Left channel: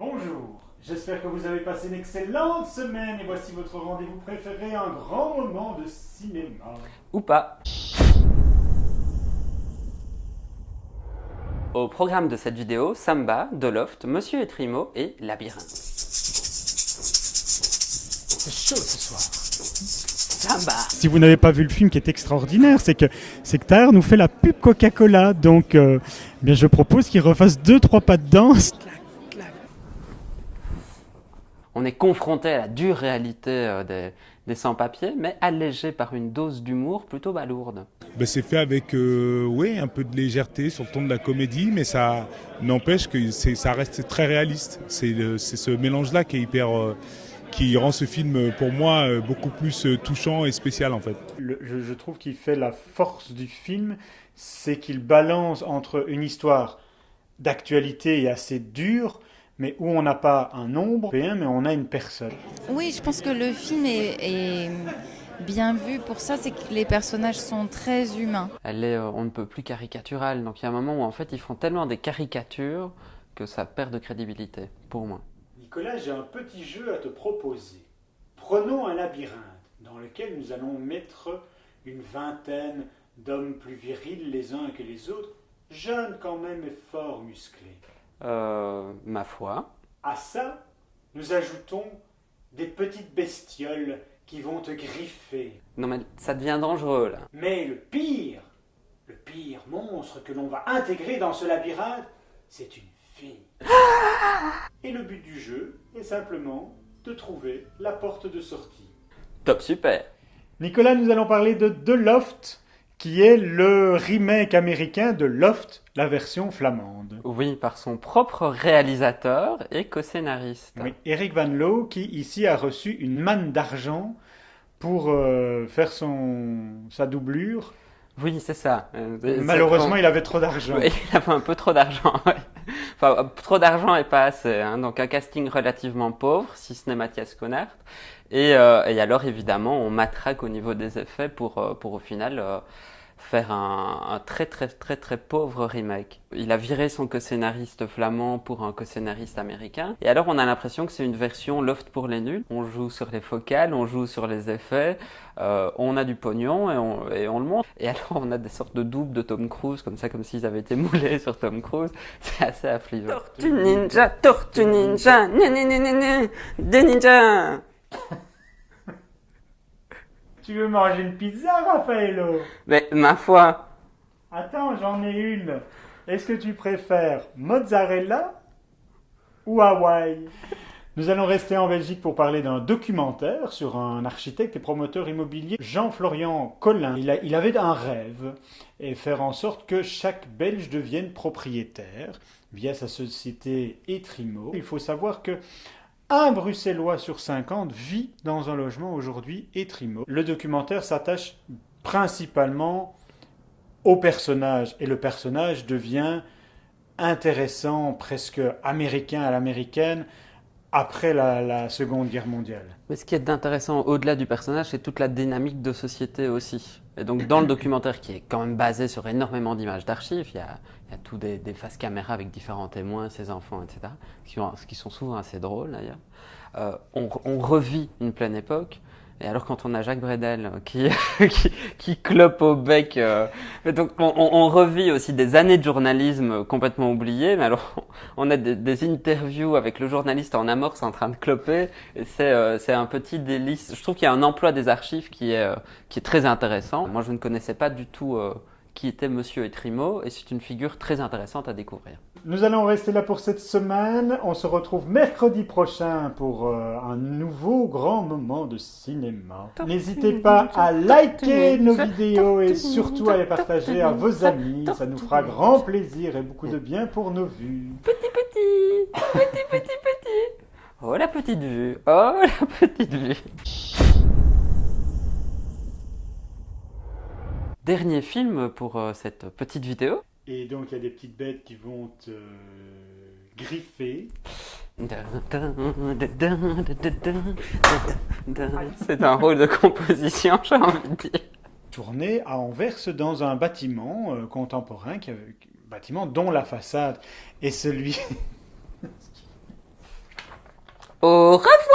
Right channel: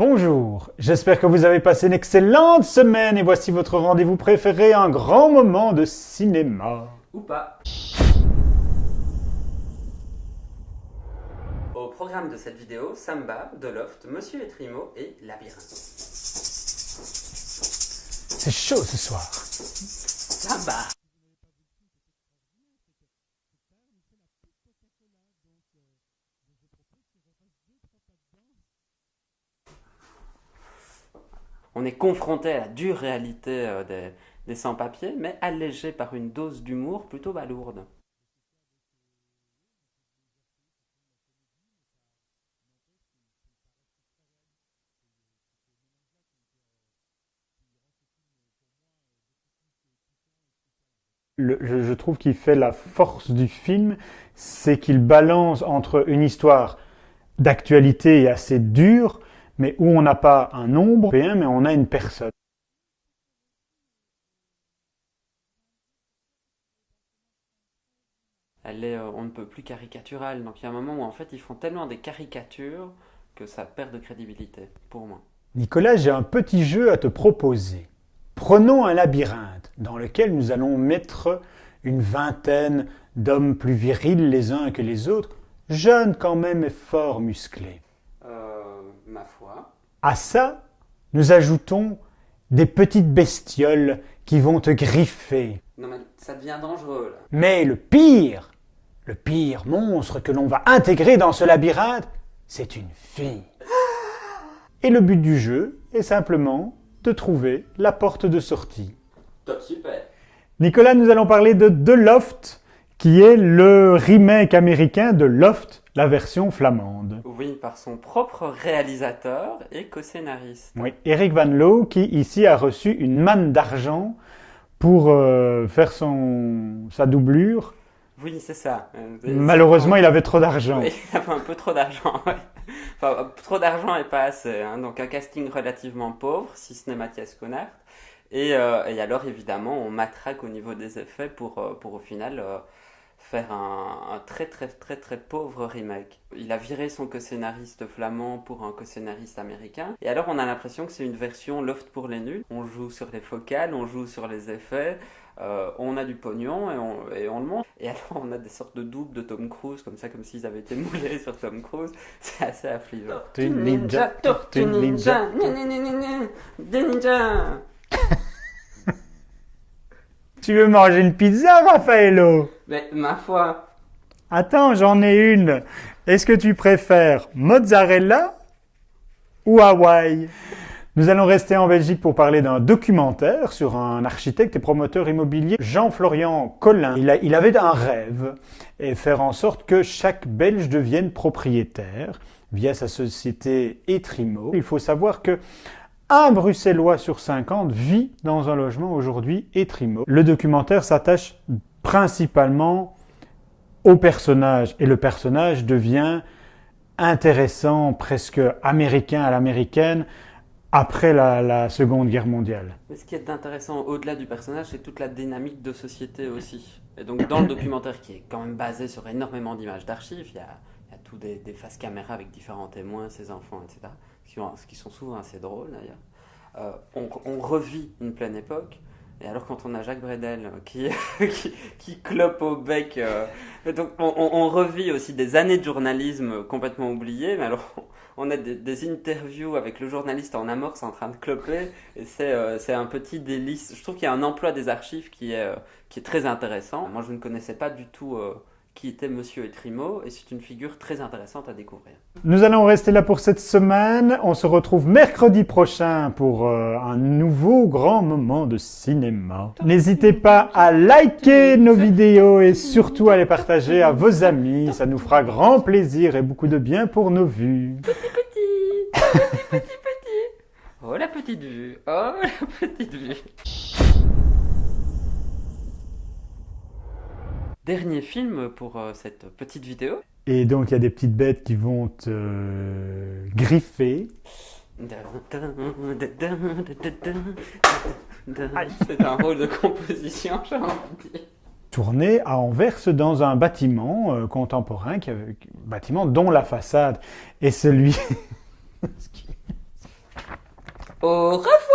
Bonjour, j'espère que vous avez passé une excellente semaine et voici votre rendez-vous préféré, un grand moment de cinéma. Ou pas. Au programme de cette vidéo, Samba, The Loft, Monsieur et Trimo et Labyrinthe. C'est chaud ce soir. Samba. Si vous n'avez pas vu le film qui est extraordinaire, c'est que Tahar nous fait la pub Coca-Cola, donc bien je propose qu'il refasse 2-3 pas de danse. On est confronté à la dure réalité des sans-papiers, mais allégé par une dose d'humour plutôt balourde. Ben, c'est fait avec un peu de légèreté sur le ton de la comédie, mais ça n'empêche que ça reste très réaliste. C'est ce mélange-là qui est qui rend ce film pour moi beaucoup plus touchant et spécial en fait. Je trouve qu'il fait la force du film, c'est qu'il balance entre une histoire d'actualité assez dure, mais où on n'a pas un nombre, mais on a une personne. Oui, je pense que le film est bien vu pour ça, c'est que les personnages sont très humains. Elle est on ne peut plus caricaturale, donc il y a un moment où en fait ils font tellement des caricatures que ça perd de crédibilité, pour moi. Nicolas, j'ai un petit jeu à te proposer. Prenons un labyrinthe dans lequel nous allons mettre une vingtaine d'hommes plus virils les uns que les autres, jeunes quand même et fort musclés. Ma foi. À ça, nous ajoutons des petites bestioles qui vont te griffer. Non mais ça devient dangereux là. Mais le pire monstre que l'on va intégrer dans ce labyrinthe, c'est une fille. Et le but du jeu est simplement de trouver la porte de sortie. Top super. Nicolas, nous allons parler de The Loft, qui est le remake américain de Loft, la version flamande. Oui, par son propre réalisateur et co-scénariste. Oui, Eric Van Loo, qui ici a reçu une manne d'argent pour faire sa doublure. Oui, c'est ça. Malheureusement, il avait trop d'argent. Oui, il avait un peu trop d'argent. Ouais. Enfin, trop d'argent et pas assez. Hein. Donc un casting relativement pauvre, si ce n'est Mathias Connard. Et alors, évidemment, on matraque au niveau des effets pour au final faire un très très très très pauvre remake. Il a viré son co-scénariste flamand pour un co-scénariste américain. Et alors on a l'impression que c'est une version Loft pour les nuls. On joue sur les focales, on joue sur les effets, on a du pognon et on le montre. Et alors on a des sortes de doubles de Tom Cruise, comme s'ils avaient été moulés sur Tom Cruise. C'est assez affligeant. Tortue ninja, des ninjas. Tu veux manger une pizza, Raffaello? Mais ma foi. Attends, j'en ai une. Est-ce que tu préfères mozzarella ou Hawaï? Nous allons rester en Belgique pour parler d'un documentaire sur un architecte et promoteur immobilier, Jean-Florian Collin. Il avait un rêve, et faire en sorte que chaque Belge devienne propriétaire via sa société Etrimo. Il faut savoir que un Bruxellois sur 50 vit dans un logement aujourd'hui Etrimo. Le documentaire s'attache principalement au personnage et le personnage devient intéressant, presque américain à l'américaine, après la Seconde Guerre mondiale. Mais ce qui est intéressant au-delà du personnage, c'est toute la dynamique de société aussi. Et donc dans le documentaire qui est quand même basé sur énormément d'images d'archives, il y a tout des faces caméra avec différents témoins, ses enfants, etc. Ce qui sont souvent assez drôles d'ailleurs. On revit une pleine époque. Et alors quand on a Jacques Bredel qui clope au bec, donc on revit aussi des années de journalisme complètement oubliées, mais alors on a des interviews avec le journaliste en amorce en train de cloper, et c'est un petit délice. Je trouve qu'il y a un emploi des archives qui est très intéressant. Moi je ne connaissais pas du tout qui était Monsieur Etrimo, et c'est une figure très intéressante à découvrir. Nous allons rester là pour cette semaine. On se retrouve mercredi prochain pour un nouveau grand moment de cinéma. N'hésitez pas à liker nos vidéos et surtout à les partager à vos amis. Ça nous fera grand plaisir et beaucoup de bien pour nos vues. Petit. Oh la petite vue, oh la petite vue. Dernier film pour cette petite vidéo. Et donc il y a des petites bêtes qui vont te griffer. C'est un rôle de composition, j'ai envie de dire. Tourné à Anvers dans un bâtiment contemporain, bâtiment dont la façade est celui Au revoir.